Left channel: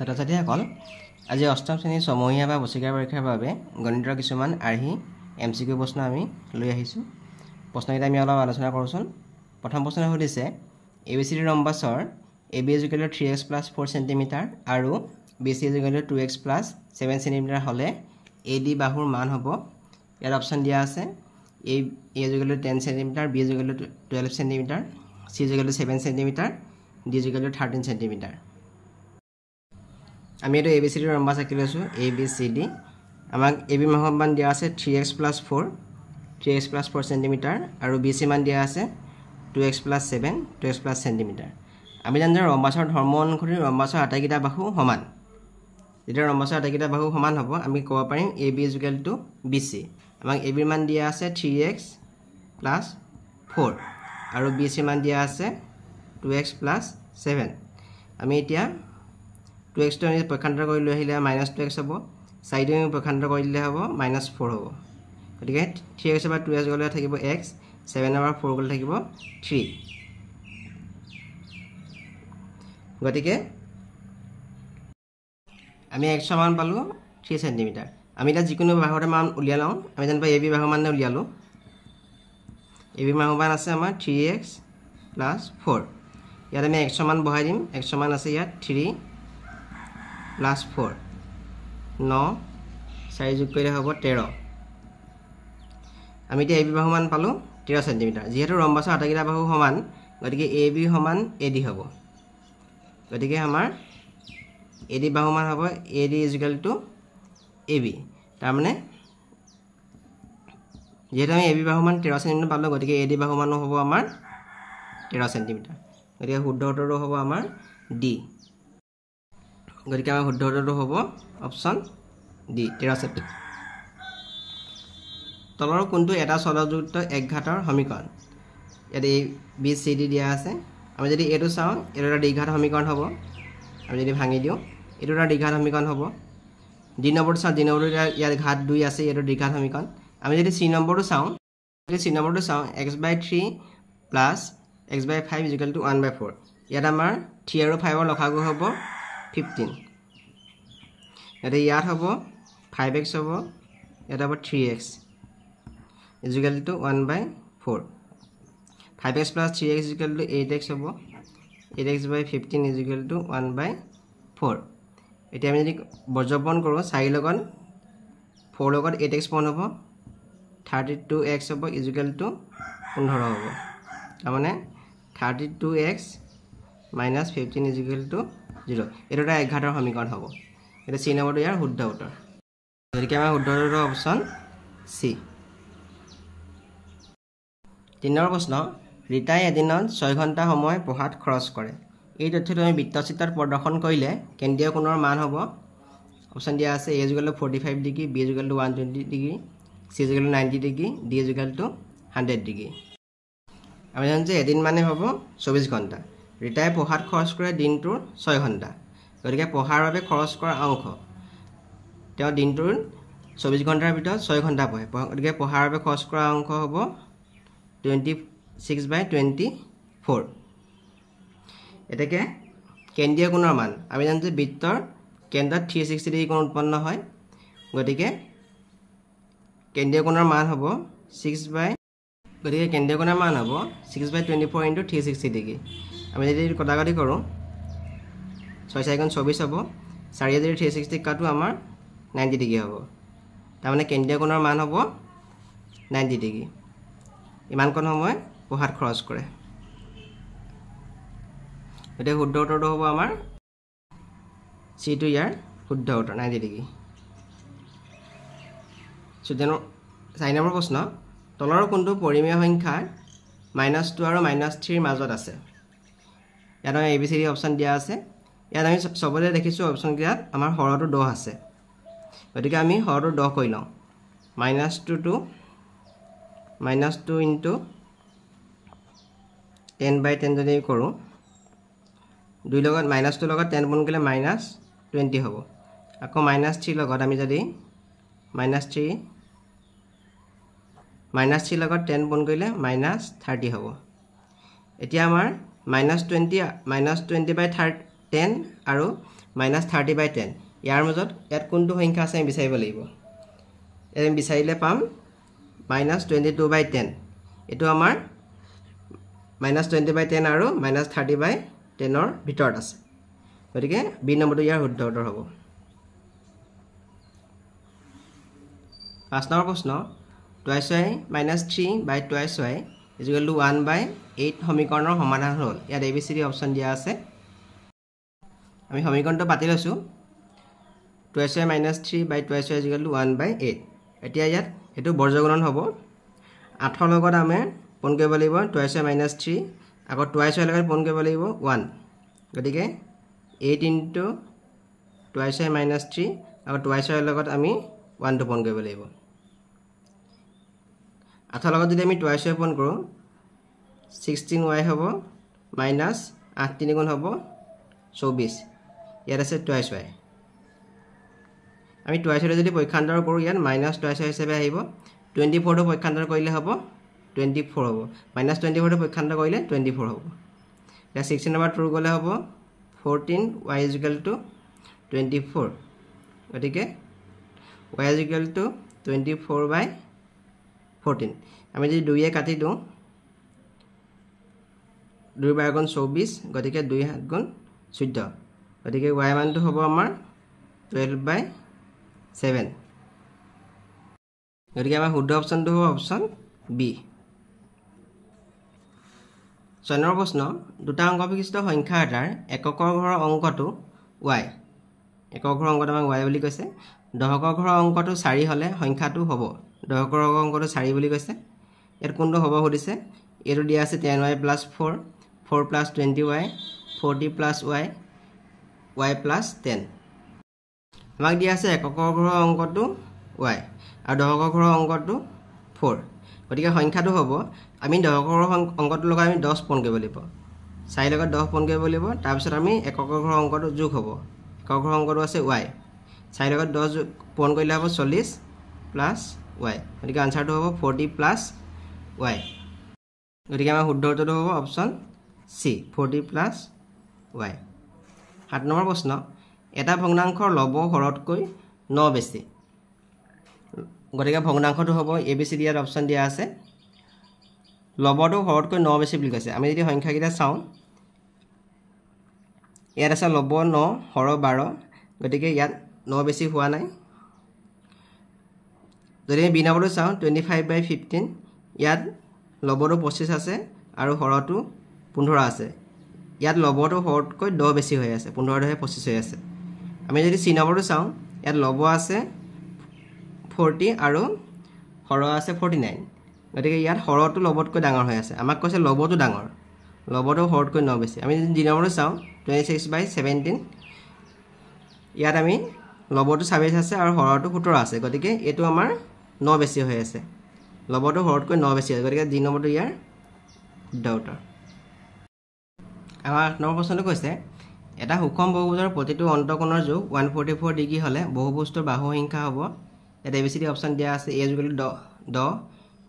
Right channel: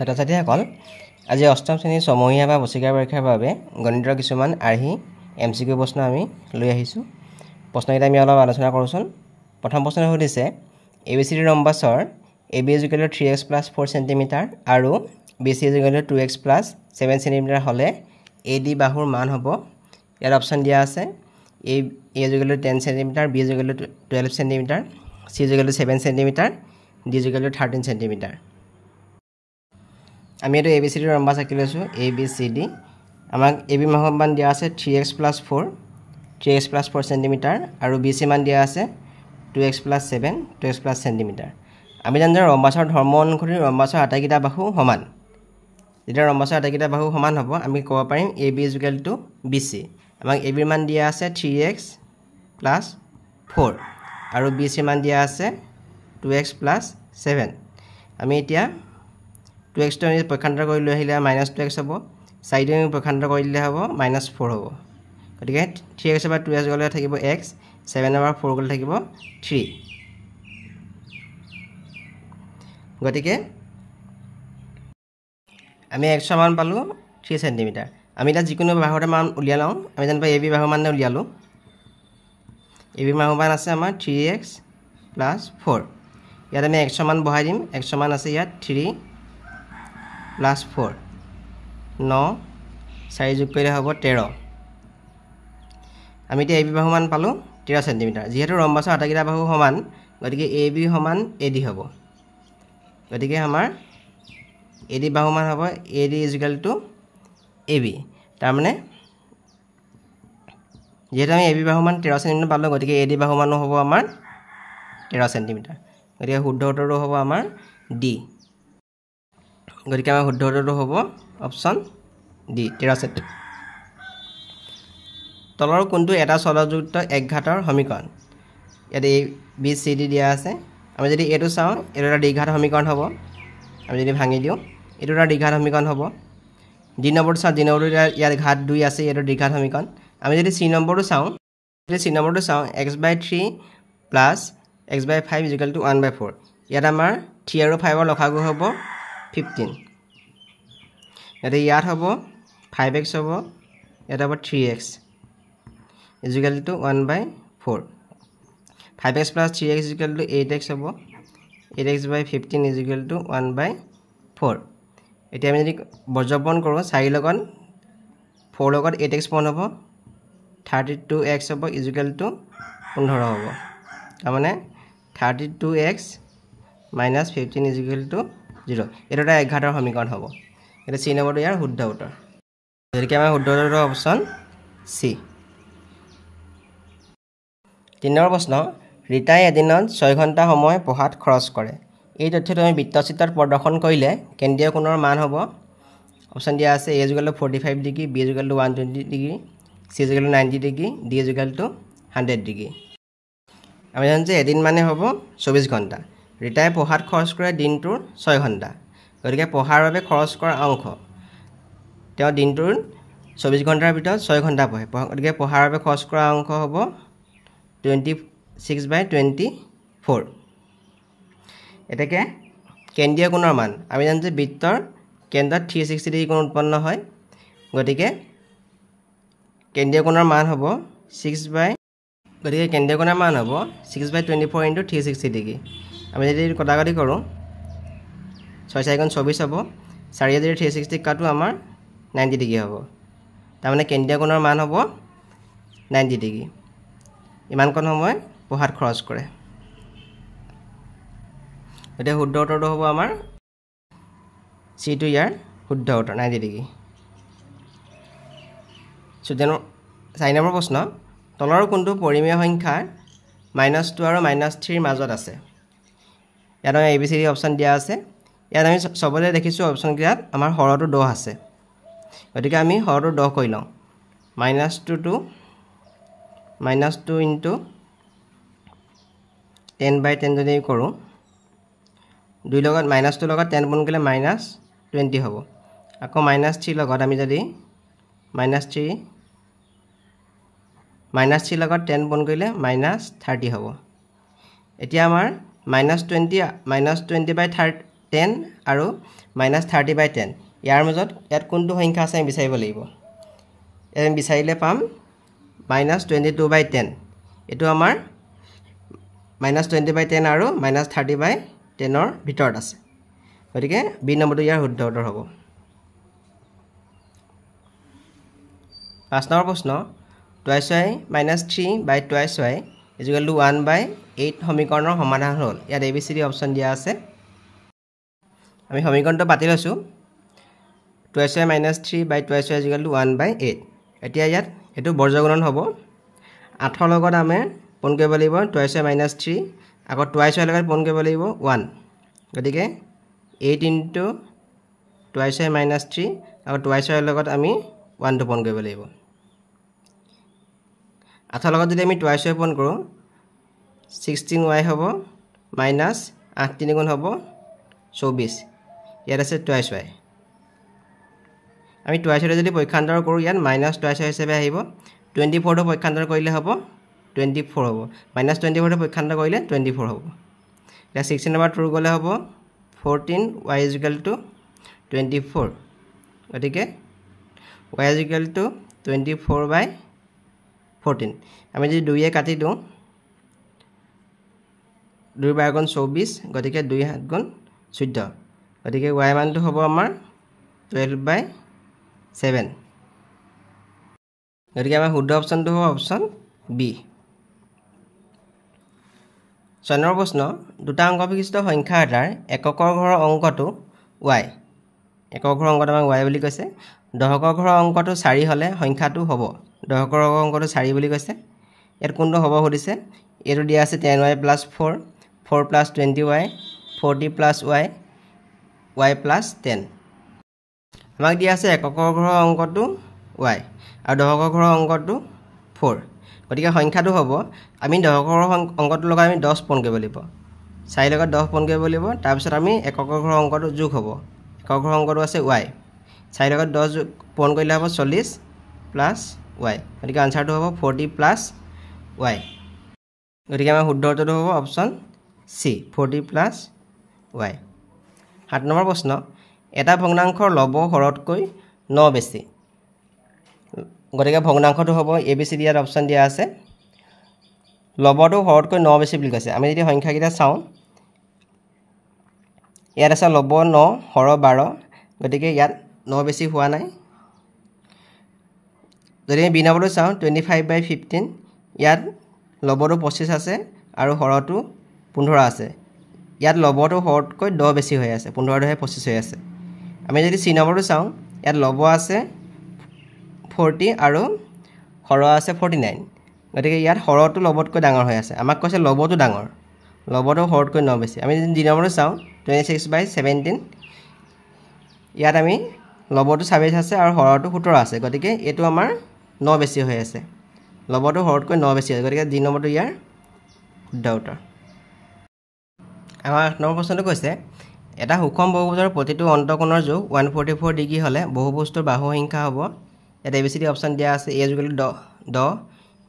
ছাত্ৰ-ছাত্ৰীসকল আজি অষ্টম শ্ৰেণীৰ ছমহীয়া বা বছৰীয়া পৰীক্ষাৰ বাবে গণিতৰ কিছুমান আৰ্হি এমচিকিউ প্ৰশ্ন আমি লৈ আহিছোঁ। প্ৰশ্নকেইটা আমি অলপ আলোচনা কৰোঁচোন। প্ৰথম প্ৰশ্ন সুধিছে ABCD ৰম্বাছৰ AB = 3x + 4 cm আৰু BC = 2x + 7 cm হ'লে AD বাহুৰ মান হ'ব। ইয়াত অপশ্যন দিয়া আছে A = 10 cm, B = 12 cm, C = 7 cm, D = 13 cm। আমি এইটো ABCD ৰম্বাছ আঁকি লৈছোঁ ABCD। আমাক AB বাহুৰ মান দিয়া আছে 3x + 4 + 4 cm আৰু BC মান দিয়া আছে 2x + 7 2x + cm। আমি জানো যে ৰম্বাছৰ ধৰ্ম অনুসৰি ৰম্বাছৰ আটাইকেইটা বাহু সমান। যেতিয়া ৰম্বাছৰ আটাইকেইটা বাহু সমান হ'ব আমি ক'ব পাৰিম AB = BC। আমাক AB ৰ মান দিয়া আছে 3x + 4 আৰু BC মান দিয়া আছে 2x + 7। আমি এতিয়া 2x টো আমি পক্ষান্তৰ কৰি লৈ আহিলে -2x হ'ব, 4টো আমি পক্ষান্তৰ কৰি দিলে হ'ব -4 হ'ব। গতিকে 3x ৰ পৰা 2x গ'লে থাকিব x, 7 ৰ পৰা 4 গ'লে থাকিব 3। গতিকে আমি x ৰ মান পালোঁ 3 cm। আমি এতিয়া যিকোনো বাহুৰ মান উলিয়াই লওঁ। আমি যেনিবা AB বাহুৰ মান উলিয়ালোঁ। AB বাহুৰ মান আছে আমাৰ 3x + 4। ইয়াত আমি x ৰ মান বহাই দিম। x ৰ মান আছে ইয়াত 3 + 4 9, 4 যোগ কৰিলে হ'ব 13। আমি এতিয়া AB বাহুৰ মান পালোঁ 13 cm। যিহেতু ৰম্বাছৰ আটাইকেইটা বাহু সমান গতিকে AB = AD হ'ব। গতিকে আমাৰ AD বাহুৰ মান হ'ব AD = AB। তাৰমানে যিহেতু আমি AB বাহুৰ মান 13 cm পালোঁ গতিকে AD বাহুৰ মানো হ'ব আমাৰ 13 cm। গতিকে শুদ্ধ উত্তৰটো হ'ব আমাৰ D। গতিকে আমাৰ শুদ্ধ উত্তৰটো হ'ব অপশ্যন D 13 cm। তলৰ কোনটো এটা চলযুক্ত একঘাতৰ সমীকৰণ? ইয়াত ABCD দিয়া আছে। আমি যদি এইটো চাওঁ এইটো এটা দ্বিঘাত সমীকৰণ হ'ব। আমি যদি ভাঙি দিওঁ এইটো এটা দ্বিঘাত সমীকৰণ হ'ব। D নম্বৰটো চাওঁ, D নম্বৰটো ইয়াত ঘাত 2 আছে, এইটো দ্বিঘাত সমীকৰণ। আমি যদি C নম্বৰটো চাওঁ x/3 + x/5 = 1/4। ইয়াত আমাৰ 3 আৰু 5ৰ লসাগু হ'ব 15। ইয়াত হ'ব 5x হ'ব, ইয়াত হ'ব 3x = 1/4। 5x + 3x = 8x হ'ব, 8x/15 = 1/4। এতিয়া আমি যদি বৰ্জপন কৰোঁ 4 লগত 4 লগত 8x পূৰণ হ'ব, 32x হ'ব = 15 হ'ব। তাৰমানে 32x - 15 = 0। এইটো এটা একঘাতৰ সমীকৰণ হ'ব। এতিয়া C নম্বৰটো ইয়াৰ শুদ্ধ উত্তৰ। গতিকে আমাৰ শুদ্ধ উত্তৰ অপশ্যন C। 3 নম্বৰ প্ৰশ্ন ৰীতাই এদিনত 6 ঘণ্টা সময় পঢ়াত খৰচ কৰে। এই তথ্যটো আমি বৃত্তচিত্ৰত প্ৰদৰ্শন কৰিলে কেন্দ্ৰীয় কোণৰ মান হ'ব। অপশ্যন দিয়া আছে A = 45 degree, B = 120 degree, C = 90 degree, D = 100 degree. আমি জানো যে এদিন মানে হ'ব 24 ঘণ্টা। ৰীতাই পঢ়াত খৰচ কৰে দিনটোৰ 6 ঘণ্টা। গতিকে পঢ়াৰ বাবে খৰচ কৰা অংশ তেওঁ দিনটোৰ 24 ঘণ্টাৰ ভিতৰত 6 ঘণ্টা পঢ়ে। গতিকে পঢ়াৰ বাবে খৰচ কৰা অংশ হ'ব 26/24। এতেকে কেন্দ্ৰীয় কোণৰ মান আমি জানো যে বৃত্তৰ কেন্দ্ৰত 360 ডিগ্ৰী কোণ উৎপন্ন হয়। গতিকে কেন্দ্ৰীয় কোণৰ মান হ'ব 6/24 × 360 ডিগ্ৰী। আমি যদি কটাকটি কৰোঁ 6 × 4 = 24 হ'ব, 4 যদি 360 কাটো আমাৰ 90 ডিগ্ৰী হ'ব। তাৰমানে কেন্দ্ৰীয় কোণৰ মান হ'ব 90 ডিগ্ৰী। ইমানকণ সময় পঢ়াত খৰচ কৰে। গতিকে শুদ্ধ উত্তৰটো হ'ব আমাৰ চিটো ইয়াৰ শুদ্ধ উত্তৰ 90 ডিগ্ৰী। 4 নম্বৰ প্ৰশ্ন তলৰ কোনটো পৰিমেয় সংখ্যা -2 আৰু -3 ৰ মাজত আছে? ইয়াত আমি ABCD অপশ্যন দিয়া আছে। ইয়াত আমি চবতে দেখিছোঁ অপশ্যনকেইটাত আমাৰ হৰটো 10 আছে। গতিকে আমি হৰটো 10 কৰি লওঁ। -2 × 10/10 যদি কৰোঁ 2 লগত -2 লগত 10 গুণ কৰিলে -20 হ'ব। আকৌ -3 লগত আমি যদি -3 লগত 10 গুণ কৰিলে -30 হ'ব। এতিয়া আমাৰ -20/30 10 আৰু -30/10 ইয়াৰ মাজত ইয়াত কোনটো সংখ্যা আছে আমি বিচাৰিব লাগিব আমি বিচাৰিলে পাম -22/10 এটো আমাৰ -20/10 আৰু -30/10 ৰ ভিতৰত আছে গতিকে বি নম্বৰটো ইয়াৰ শুদ্ধ উত্তৰ হ'ব 5 নম্বৰ প্ৰশ্ন 2y - 3/2y = 1/8 সমীকৰণৰ সমাধান হ'ল ইয়াত ABCD অপচন দিয়া আছে আমি সমীকৰণটো পাতি লৈছো 2y - 3/2y = 1/8 এতিয়া ইয়াত এটো বৰ্গগুণন হ'ব 8 ৰ লগত আমি পূৰণ কৰিব লাগিব 2y - 3 আকৌ 2y লগত পূৰণ কৰিব লাগিব 1 গতিকে 8 * 2y - 3 আকৌ 2y লগত আমি 1 টো পূৰণ কৰিব লাগিব 8 ৰ লগত যদি আমি 2y পূৰণ কৰো 16y হ'ব -8 3 গুণ হ'ব 24 ইয়াত আছে 2y আমি 2y যদি পৰীক্ষান্তৰ কৰো ইয়াত -2y হিচাপে আহিব 24 টো পৰীক্ষান্তৰ কৰিলে হ'ব 24 হ'ব -24 টো পৰীক্ষান্তৰ কৰিলে 24 হ'ব এতিয়া 16 নম্বৰ 2 গলে হ'ব 14y = 24 গতিকে y = 24/14 আমি যদি 2 এ কাটি দিও 2 * 4 = 24 গতিকে 2 * 7 = 14 গতিকে y মানটো হ'ব আমাৰ 12/7 গতিকে আমাৰ শুদ্ধ অপচনটো হ'ব অপচন বি 6 নম্বৰ প্ৰশ্ন দুটা অংক বিশিষ্ট সংখ্যা এটাৰ এককৰ ঘৰৰ অংকটো y একক ঘৰৰ অংকটো আমাক y বুলি কৈছে দশকৰ ঘৰৰ অংকটো 4 হলে সংখ্যাটো হ'ব দশকৰ অংকটো 4 বুলি কৈছে ইয়াত কোনটো হ'ব সুধিছে এটো দিয়া আছে 10y + 4 4 + 20y 40 + y y + 10 আমাক দিয়া আছে এককৰ ঘৰৰ অংকটো y আৰু দশকৰ ঘৰৰ অংকটো 4 গতিকে সংখ্যাটো হ'ব আমি দশকৰ অংকটো লগত আমি 10 পূৰণ কৰিব লাগিব 4 লগত 10 পূৰণ কৰিব লাগিব তাৰ পিছত আমি এককৰ ঘৰৰ অংকটো যোগ হ'ব একক ঘৰৰ অংকটো আছে y 4 লগত 10 পূৰণ কৰিলে হ'ব 40 + y গতিকে আনসাৰটো হ'ব 40 + y গতিকে আমাৰ শুদ্ধ উত্তৰটো হ'ব অপচন সি 40 + y 7 নম্বৰ প্ৰশ্ন এটা ভগ্নাংশৰ লব হৰতকৈ 9 বেছি গতিকে ভগ্নাংশটো হ'ব ABCD ইয়াত অপচন দিয়া আছে লবটো হৰতকৈ 9 বেছি বুলি কৈছে আমি যদি সংখ্যা কিটা চাও ইয়াত আছে লব 9 হৰ 12 গতিকে ইয়াত 9 বেছি হোৱা নাই যদি আমি বি নম্বৰটো চাও 25/15 ইয়াত লবটো 25 আছে আৰু হৰটো 15 আছে ইয়াত লবটো হৰতকৈ 10 বেছি হৈ আছে 15 হে 25 হৈ আছে আমি যদি সি নম্বৰটো চাও ইয়াত লব আছে 40 আৰু হৰ আছে 49 গতিকে ইয়াত হৰটো লবতকৈ ডাঙৰ হৈ আছে আমাক কৈছে লবটো ডাঙৰ লবটো হৰতকৈ 9 বেছি আমি যদি নম্বৰটো চাও 26/17 ইয়াত আমি লবটো 26 আছে আৰু হৰটো 17 আছে গতিকে এটো আমাৰ 9 বেছি হৈ আছে লবটো হৰতকৈ 9 বেছি আছে গতিকে ডি নম্বৰটো ইয়াৰ শুদ্ধ উত্তৰ আমাৰ 8 নম্বৰ প্ৰশ্নটো কৈছে এটা সুষম বহুভুজৰ প্ৰতিটো অন্তঃকোণৰ যোগ 144 ডিগ্ৰী হলে বহুভুজটোৰ বাহু সংখ্যা হ'ব এটা ABCD অপচন দিয়া আছে a = 10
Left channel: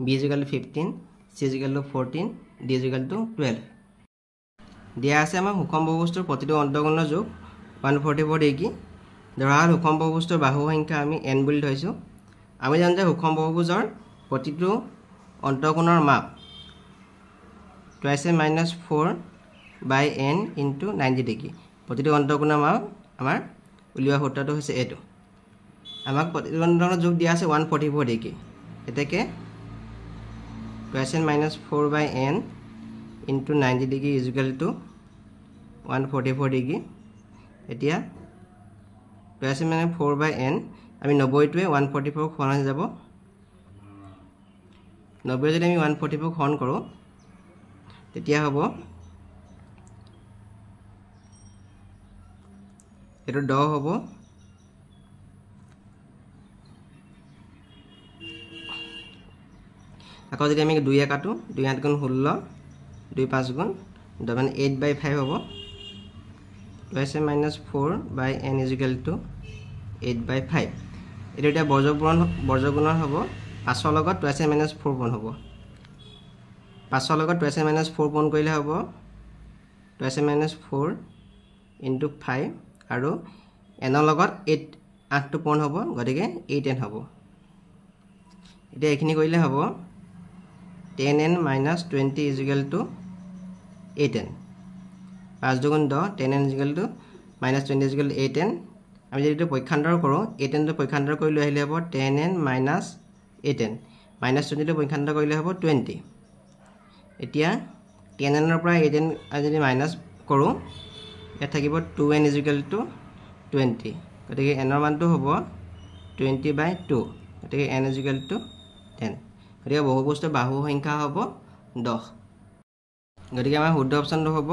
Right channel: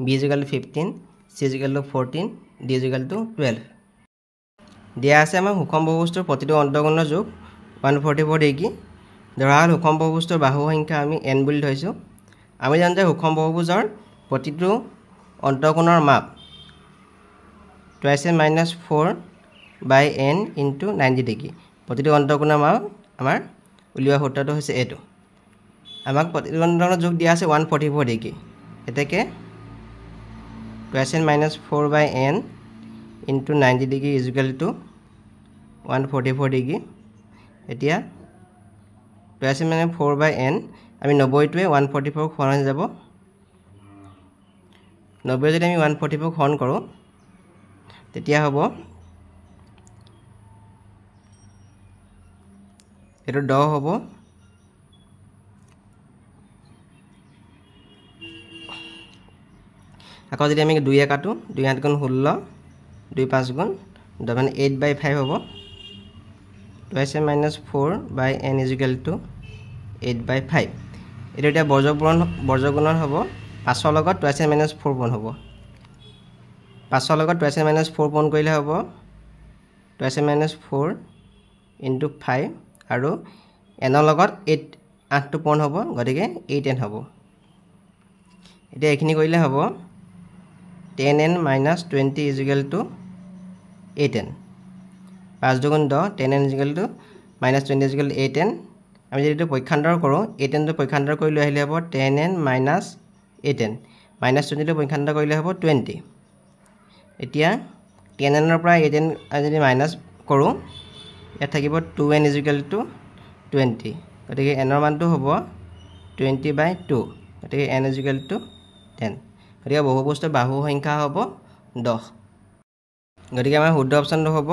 b = 15 c = 14 d = 12 দিয়া আছে আমাৰ সুষম বহুভুজটোৰ প্ৰতিটো অন্তঃকোণৰ যোগ 144 ডিগ্ৰী ধৰা হল সুষম বহুভুজটোৰ বাহু সংখ্যা আমি n বুলি ধৰিছো আমি জানো যে সুষম বহুভুজৰ প্ৰতিটো অন্তঃকোণৰ মাপ 2 - 4/n * 90 ডিগ্ৰী প্ৰতিটো অন্তঃকোণৰ মাপ আমাৰ উলিওৱা সূত্ৰটো হৈছে এটো আমাক প্ৰতিটো অন্তঃকোণৰ যোগ দিয়া আছে 144 ডিগ্ৰী এতেকে 2 - 4/n * 90 ডিগ্ৰী = 144 ডিগ্ৰী এতিয়া 2 - 4/n আমি 90 টোৱে 144 হৰণ হৈ যাব 90 যদি আমি 144 হৰণ কৰো তেতিয়া হ'ব এটো 10 হ'ব আকৌ যদি আমি 2 এ কাটো 2 8 গুণ 16 2 5 গুণ 8/5 হ'ব 2 - 4/n = 8/5 এটো এটা বৰ্গগুণন হ'ব 5 ৰ লগত 2 - 4 পূৰণ হ'ব 5 ৰ লগত 2 - 4 পূৰণ কৰিলে হ'ব 2 - 4 ইনটু 5 আৰু n ৰ লগত 8 টো পূৰণ হ'ব গতিকে 8n হ'ব এতিয়া এইখিনি কৰিলে হ'ব 10n - 20 = 8n 5 দুগুণ 10 10n = -20 = 8n আমি যদি পৰীক্ষান্তৰ কৰোঁ 8n টো পৰীক্ষান্তৰ কৰি লৈ আহিলে হ'ব 10n - 8n -20 টো পৰীক্ষান্তৰ কৰিলে হ'ব 20 এতিয়া 10n ৰ পৰা 8n যদি মাইনাস কৰোঁ ইয়াত থাকিব 2n = 20 গতিকে n ৰ মানটো হ'ব 20/2 গতিকে n = 10 গতিকে বহুপদৰ বাহু সংখ্যা হ'ব 10 গতিকে আমাৰ শুদ্ধ অপচনটো হ'ব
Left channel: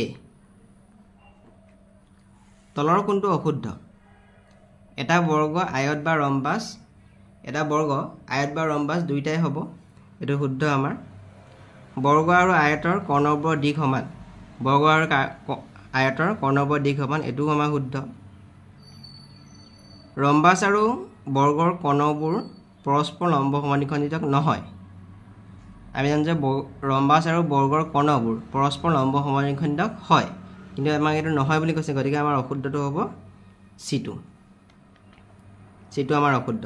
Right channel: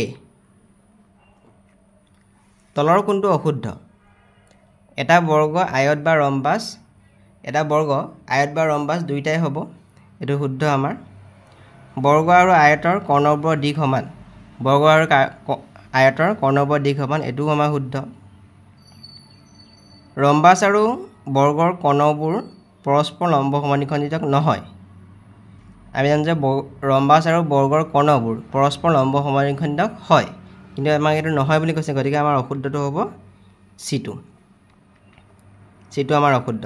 এ তলৰ কোনটো অশুদ্ধ এটা বৰ্গ আয়ত বা ৰম্বাস দুইটাই হ'ব এটো শুদ্ধ আমাৰ বৰ্গ আৰু আয়তৰ কৰ্ণবৰ দিশ সমান বৰ্গ আৰু আয়তৰ কৰ্ণবৰ দিশ সমান এটো আমাৰ শুদ্ধ ৰম্বাস আৰু বৰ্গৰ কৰ্ণবোৰ পৰস্পৰ লম্ব সমান্তৰাল নহয় আমি জানো যে ৰম্বাস আৰু বৰ্গৰ কৰ্ণবোৰ পৰস্পৰ লম্ব সমান্তৰাল হয় কিন্তু আমাক এটো নহয় বুলি কৈছে গতিকে আমাৰ অশুদ্ধটো হ'ব C2 আমাৰ অশুদ্ধ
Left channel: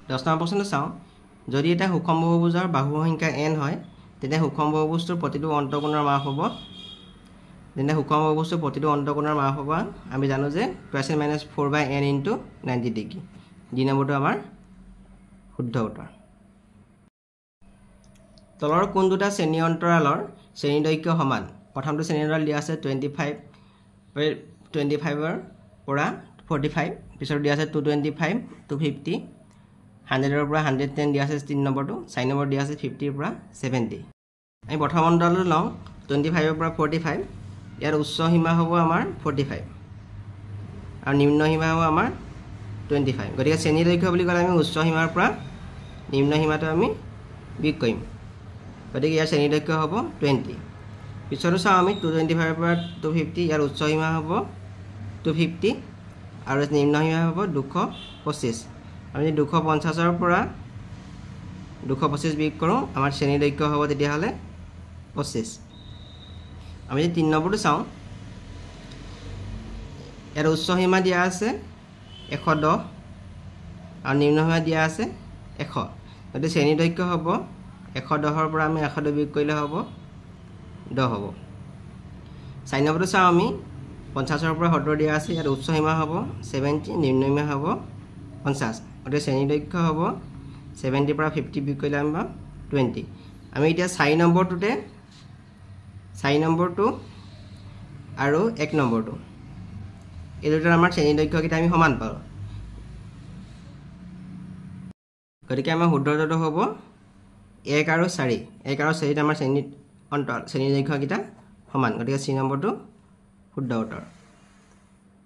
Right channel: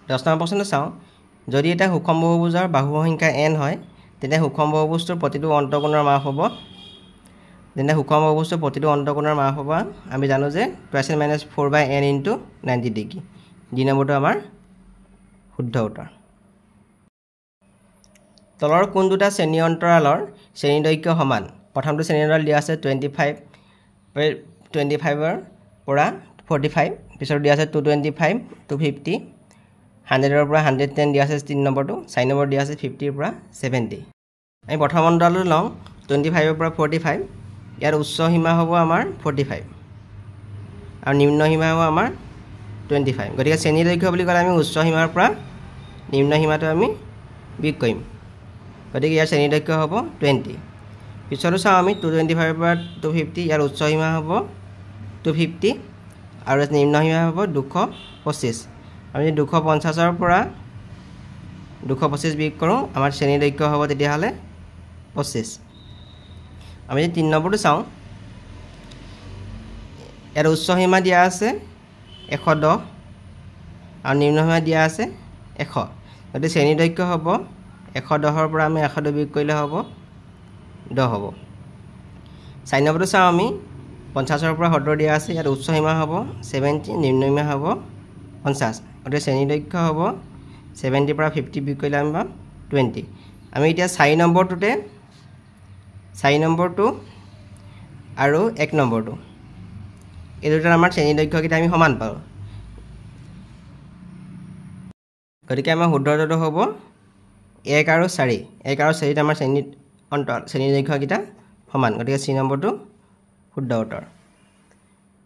10 নম্বৰ প্ৰশ্নটো চাওঁ যদি এটা সুষম বহুভুজৰ বাহু সংখ্যা n হয় তেনে সুষম বহুভুজটোৰ প্ৰতিটো অন্তঃকোণৰ মাপ হ'ব আমি জানো যে 2n - 4/n * 90 ডিগ্ৰী ডি নম্বৰটো আমাৰ শুদ্ধ উত্তৰ তলৰ কোন দুটা শ্ৰেণী অন্তৰালৰ শ্ৰেণী দৈৰ্ঘ্য সমান প্ৰথমটো শ্ৰেণী অন্তৰাল দিয়া আছে 25 ৰ পৰা 45 পিছত দিয়া আছে 225 250 100 ৰ পৰা 110 দিয়া আছে 3 নম্বৰটো 4 নম্বৰ দিয়া আছে 50 ৰ পৰা 70 আমি প্ৰথম অন্তৰালটো লওঁ 25 ৰ পৰা 45 ইয়াৰ উচ্চ সীমা হ'ব আমাৰ 45 আৰু নিম্ন সীমা হ'ব আমাৰ 25 গতিকে শ্ৰেণী দৈৰ্ঘ্য বুলি ক'লে আমি উচ্চ সীমাৰ পৰা নিম্ন সীমাটো আমি বিয়োগ কৰিম গতিকে ইয়াৰ শ্ৰেণী দৈৰ্ঘ্য হ'ব 20 পিছতো চাওঁ আমি 225 ৰ পৰা 250 ইয়াৰ উচ্চ সীমা হ'ব 250 আৰু নিম্ন সীমা হ'ব 225 আমি 250 ৰ পৰা 225 বিয়োগ কৰোঁ আমাৰ শ্ৰেণী দৈৰ্ঘ্য হ'ব তেতিয়াহ'লে 25 আমি 3 নম্বৰটো চাওঁ ইয়াৰ উচ্চ সীমা দিয়া আছে 110 আৰু নিম্ন সীমা দিয়া আছে 100 গতিকে শ্ৰেণী দৈৰ্ঘ্য হ'ব 110 ৰ পৰা আমি 100 বিয়োগ কৰিলে হ'ব 10 হ'ব 4 নম্বৰটো চাওঁ আমি 50 ৰ পৰা 70 দিয়া আছে ইয়াৰ উচ্চ সীমা হ'ব 70 নিম্ন সীমা হ'ব 50 গতিকে শ্ৰেণী দৈৰ্ঘ্য হ'ব 70 ৰ পৰা 50 বিয়োগ কৰিলে আমি পাম 20 আমি এতিয়া 4 নম্বৰটো আৰু 1 নম্বৰটো এই দুটাৰ আমাৰ শ্ৰেণী দৈৰ্ঘ্যকেইটা আমি সমান পাওঁ গতিকে আমাৰ শুদ্ধটো হ'ব 1 আৰু 4 আমাৰ শ্ৰেণী দৈৰ্ঘ্যকেইটা সমান গতিকে C নম্বৰটো শুদ্ধ উত্তৰ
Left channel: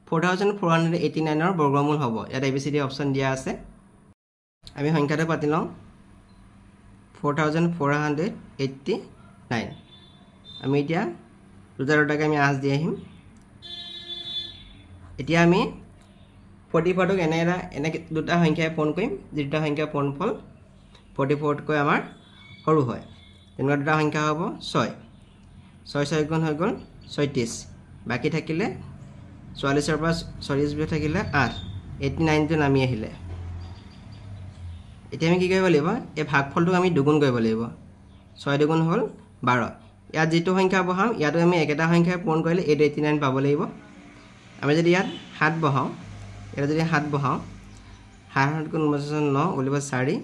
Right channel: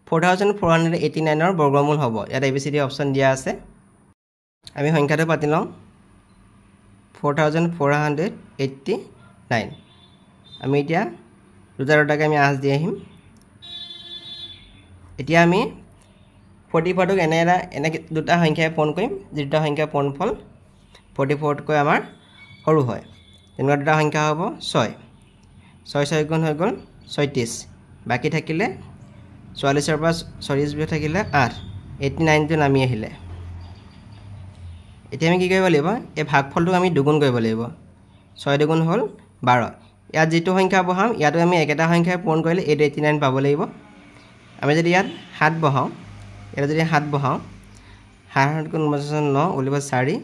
4489 ৰ বৰ্গমূল হ'ব ইয়াত ABCD অপচন দিয়া আছে আমি সংখ্যাটো পাতি লওঁ 4489 আমি এতিয়া দুটাকে আমি আঁচ দি আহিম এতিয়া আমি 44 ক এনে দুটা সংখ্যাই পূৰণ কৰিম দুটা সংখ্যা পূৰণফল 44 তকৈ আমাৰ সৰু হয় তেনেকুৱা দুটা সংখ্যা হ'ব 6 6 গুণ হৈ গ'ল 36 বাকি থাকিলে 44 ৰ পৰা 40 বিয়োগ থাকিলে 8 89 টো নামি আহিলে এতিয়া আমি কি কৰিব লাগিব এই ভাগফলটো আমি দুগুণ কৰিব লাগিব 6 দুগুণ হ'ল 12 ইয়াত যেটো সংখ্যা বহাম ইয়াতো আমি একেটা সংখ্যাই পূৰণ কৰিলে 89 পাব লাগিব আমি যদি ইয়াত 7 বহাও 7 গুণ 9 ওলিব 4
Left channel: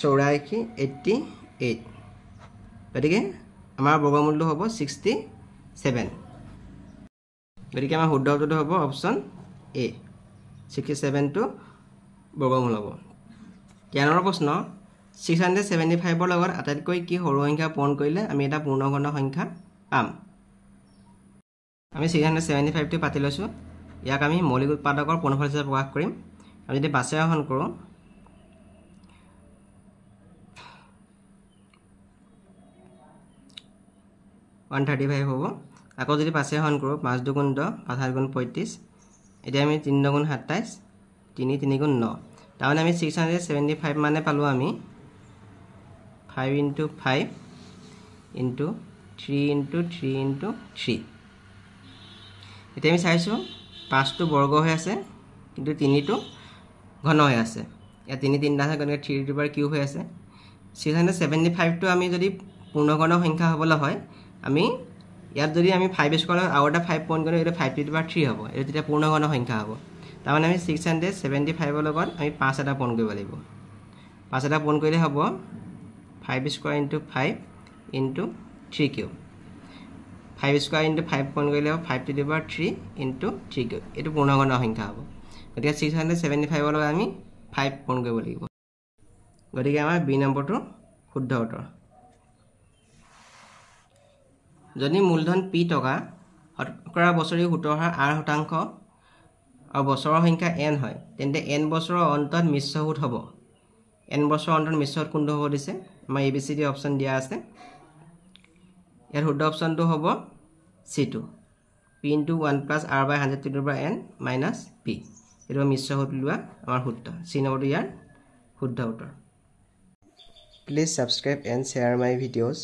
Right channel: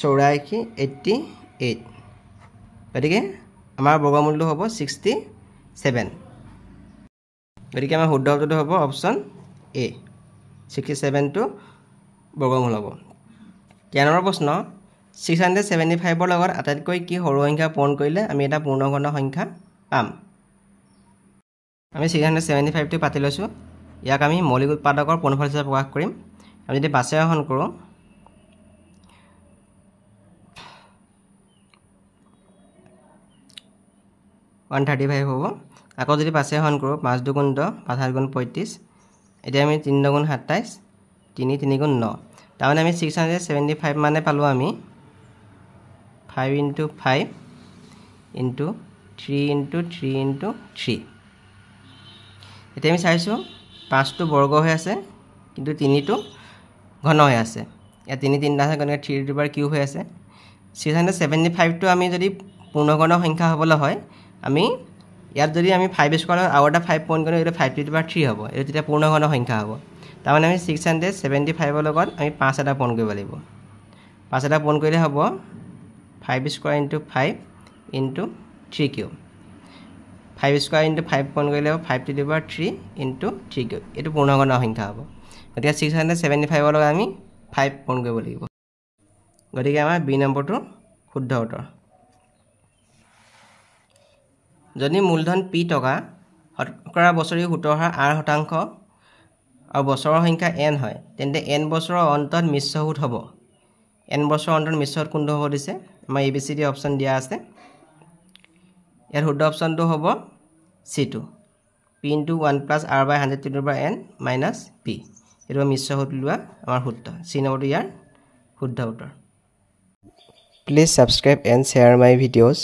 84 88 গতিকে আমাৰ বৰ্গমূলটো হ'ব 67 গতিকে আমাৰ শুদ্ধ উত্তৰটো হ'ব অপচন এ 67 টো বৰ্গমূল হ'ব 13 নম্বৰ প্ৰশ্ন 675 ৰ লগত আটাইতকৈ কি সৰু সংখ্যা পূৰণ কৰিলে আমি এটা পূৰ্ণঘন সংখ্যা পাম আমি 675 টো পাতি লৈছো ইয়াক আমি মৌলিক উৎপাদকৰ পূৰ্ণফল হিচাপে প্ৰকাশ কৰিম আমি যদি বাছাইহৰণ কৰোঁ 135 হ'ব আকৌ যদি বাছাইহৰণ কৰোঁ 5 দুগুণ 10 5 7 গুণ 35 এতিয়া আমি 3 দুগুণ 27 3 3 গুণ 9 তাৰমানে আমি 675 মানে পালোঁ আমি 5 * 5 ইনটু 3 ইনটু 3 ইনটু 3 এতিয়া আমি চাইছোঁ 5টো বৰ্গ হৈ আছে কিন্তু 3টো ঘন হৈ আছে ইয়াত 3 3টা আছে গতিকে 3 টু পাৱাৰ কিউব হৈ আছে 675টো আমি যদি পূৰ্ণঘন সংখ্যা হ'বলৈ হয় আমি ইয়াত যদি আমি 5 স্কয়াৰ আৰু এটা 5 পইণ্ট কৰি এটা 5 টু পাৱাৰ 3 হ'ব এটা তেতিয়া পূৰ্ণঘন সংখ্যা হ'ব তাৰমানে আমি 675 ৰ লগত আমি 5 এটা পূৰণ কৰিব লাগিব 5 এটা পূৰণ কৰিলে হ'ব 5 square into 5 into 3 cube 5 square into 5 পূৰণ কৰিলে হ'ব 5 to the power 3 into 3 cube এটো পূৰ্ণঘন সংখ্যা হ'ব গতিকে 675 ৰ লগত আমি 5 পূৰণ কৰিব লাগিব গতিকে আমাৰ বি নম্বৰটো শুদ্ধ উত্তৰ যদি মূলধন p টকা শতকৰা বছৰি সুতৰ হাৰ 8% আৰু বছৰৰ সংখ্যা n হয় তেন্তে n বছৰৰ অন্তত মিশ্ৰ সুত হ'ব n বছৰৰ অন্তত মিশ্ৰ সুত কোনটো হ'ব দিছে আমাৰ abcd অপচন দিয়া আছে ইয়াৰ শুদ্ধ অপচনটো হ'ব c2 p into 1 plus r by 100 to the power n minus p এটো মিশ্ৰ সুত লোৱা আমাৰ শুদ্ধ c নম্বৰটো ইয়াৰ শুদ্ধ উত্তৰ Please subscribe and share my videos.